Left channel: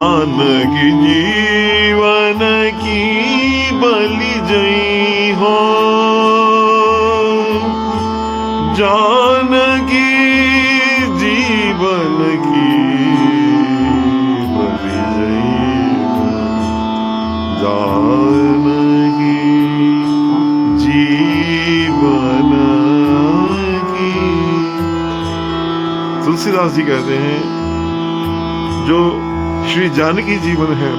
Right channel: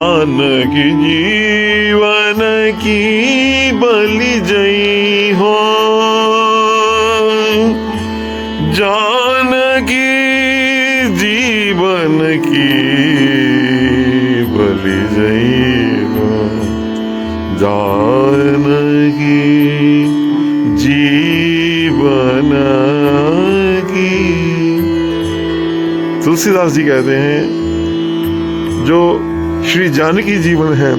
जानकी जीवन की बलि जई हो, जानकी जीवन की बलि जई हो, जानकी जीवन की। तुलसीदास जी कहते हैं जो श्री जानकी जीवन है,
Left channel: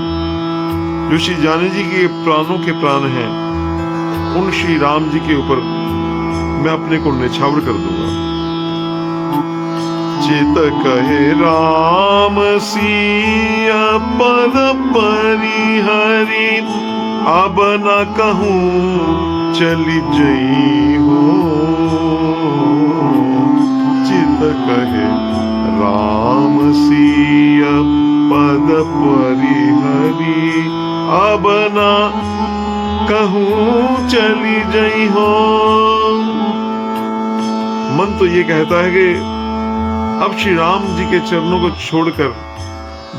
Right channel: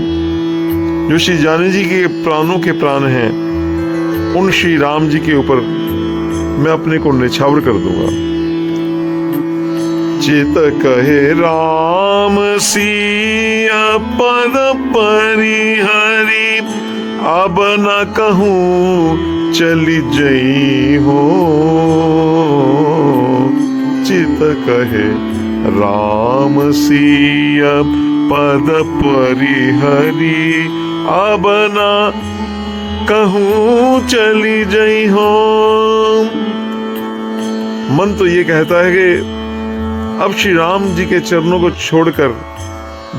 जो श्री जानकी जी के प्राणों के प्राण हैं, उन श्री राम जी के ऊपर मैं अपने को न्यौछावर कर दूंगा। चित कहे राम सिया पद परिहरि, अब न कहूँ चली जई हो। चित कहे राम सिया पद परिहरि, अब न कहूँ चली जई हो। मन तो ये कहता है कि अब श्री राम जी के चरणों को छोड़कर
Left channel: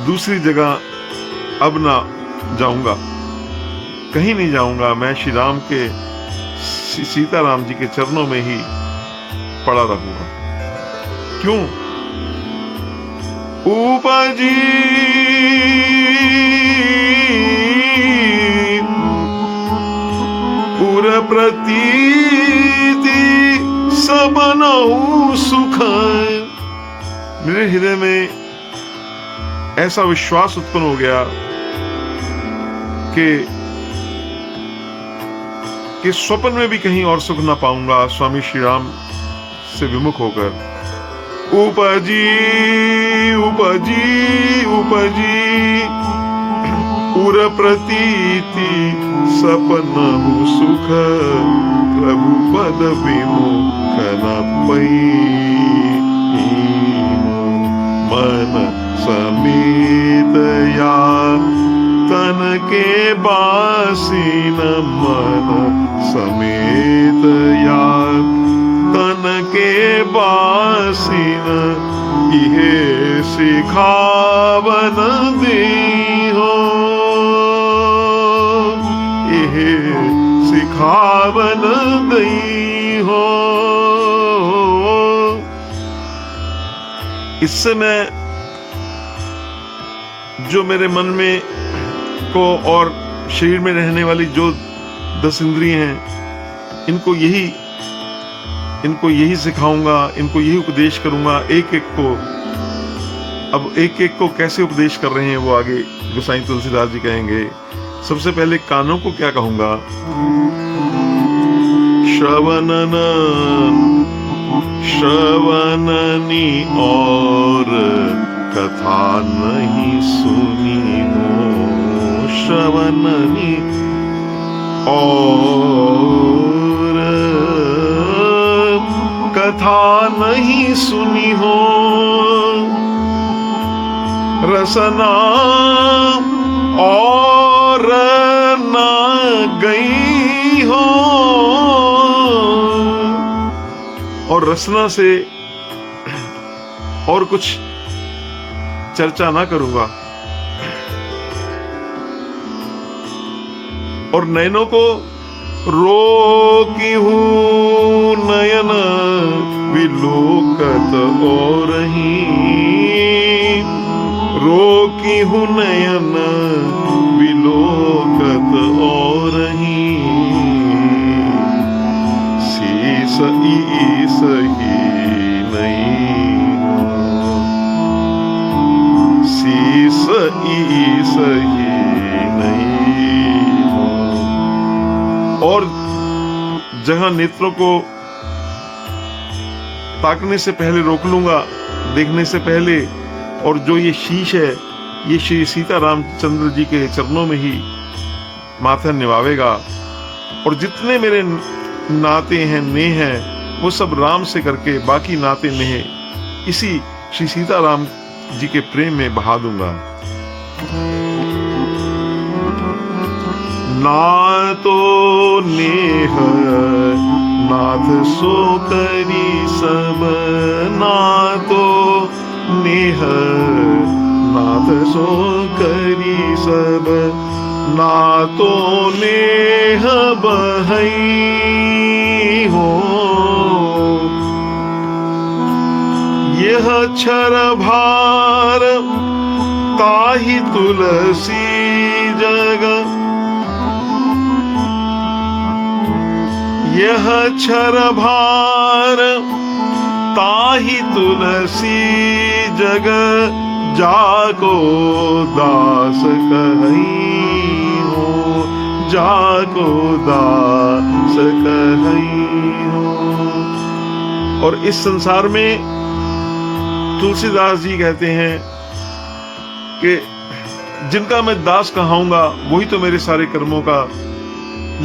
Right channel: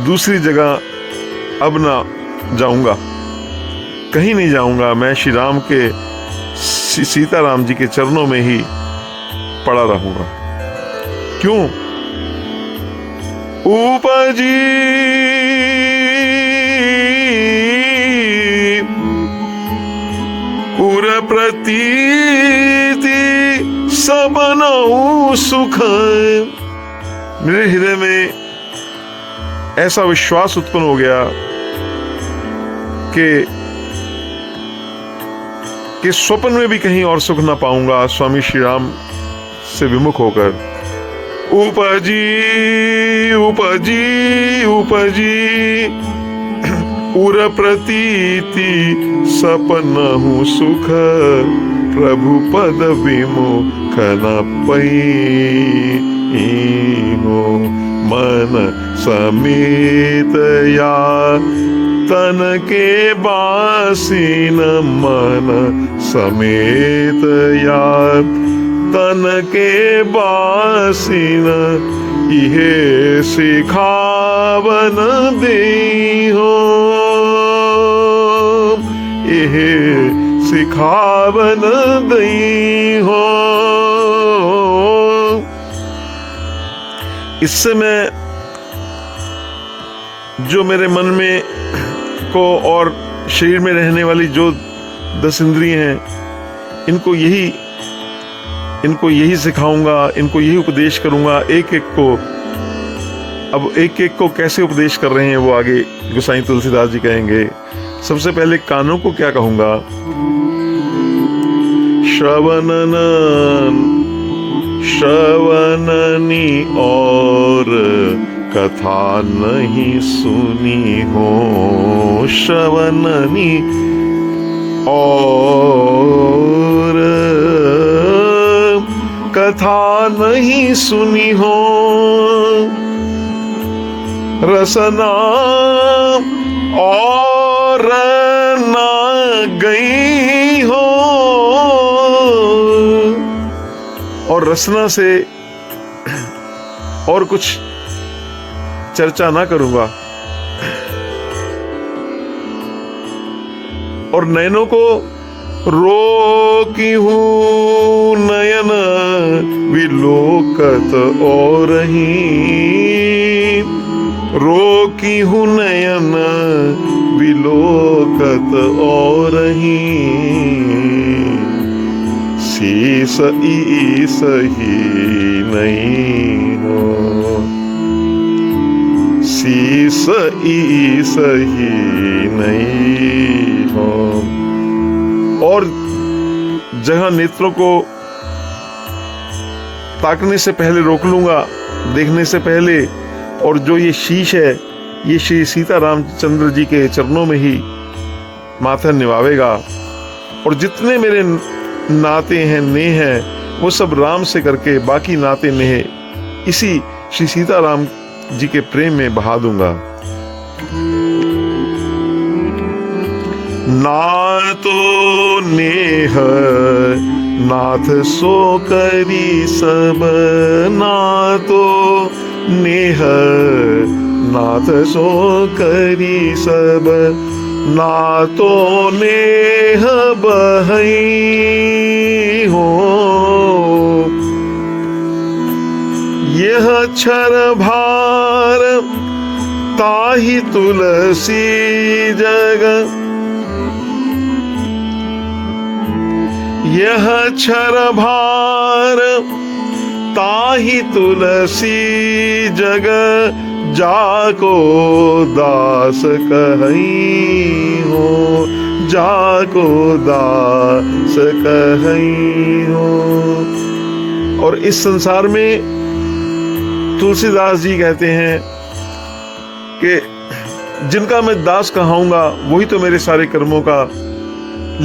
दूसरी जगह अब ना जाऊंगा, कहीं नहीं जाऊंगा। मैं श्री राम के सीताराम जी के चरणों में ही पड़ा रहूंगा। क्यों? उपजी उर प्रतीति सबनहु सुख। मेरे हृदय में ऐसा विश्वास उत्पन्न हो गया कि स्वप्न में भी कहीं और सुख ना पाऊंगा स्वामी श्री राम से विमुख होकर। उपजी उपजी उपजी उर प्रतीति सपनहु सुख, प्रभु पद विमुख न पई हो। मन समेत या तन के बासीन, मन समेत या तन के बासीन, इहे सिखावन दे हो, इहे सिखावन दे हो। इससे मैं जो मेरे मन में को और शरीर में रहने वाली जो 10 इंद्रियां हैं, इनको यही सिखाऊंगा, इनको यही उपदेश करूंगा। एक एक को कैसे उपदेश कर रहे हैं वो आगे गोसाई तुलसीदास जी कहेंगे। सबसे पहले कानों को क्या कहूंगा? श्रवणनी और कथा नहीं सुनी हो, श्रवणनी और कथा नहीं सुनी हो, रसना और न गई हो। और रसना से और कुछ चर्चा ना करूंगा। और नयनों को रोकी हूँ नयन विलोकत और ही, रोकी हूँ नयन विलोकत और ही, शीस ईस ही नहीं हो, शीस ईस ही नहीं हो। और जहां नेत्रों को ताकने से पहले रोक लूंगा, देखने से पहले, और जो ये शीश है ये श्री सीतारामचंद्र जी के चरणों में ही माथा निभावेगा। और जितने मेरे नाते हैं, नेह हैं, वो सब राम से करके बाकी नाते नेह इसी श्री सीताराम जी के प्रेम में बहा दूंगा। ना तो नेह नाथ सो करी सब, ना तो नेह नाथ सो करी सब नातो नेह बहई हो। यह छर भार ताहि तुलसी जग, यह छर भार ताहि तुलसी जग, जाको दास कहई हो, जाको दास कहई हो। और इस संसार में तुलसीदास जी कहते हैं कि जिनका मैं दास कहाऊंगा वही तो मेरे सारे कर्मों का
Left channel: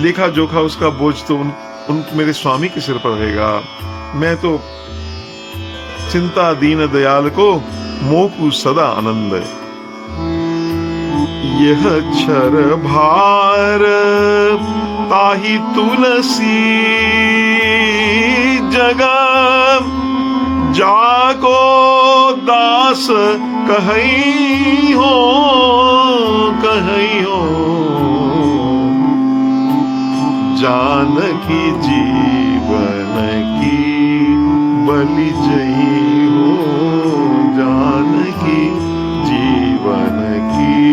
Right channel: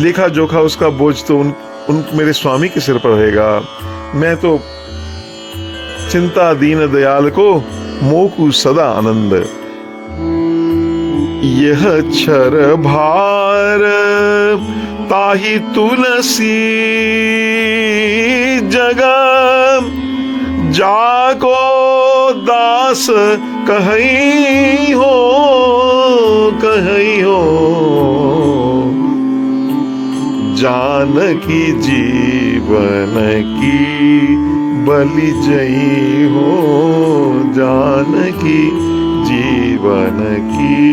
लेखा जोखा, उसका बोझ तो उन मेरे स्वामी के सिर पर रहेगा। मैं तो चिंता दीन दयाल को मोकु सदा आनंद। यह छर भार ताहि तुलसी जगा, जाको दास कहई हो, कहई हो। जानकी जीवन की बलि जई हो, जानकी जीवन की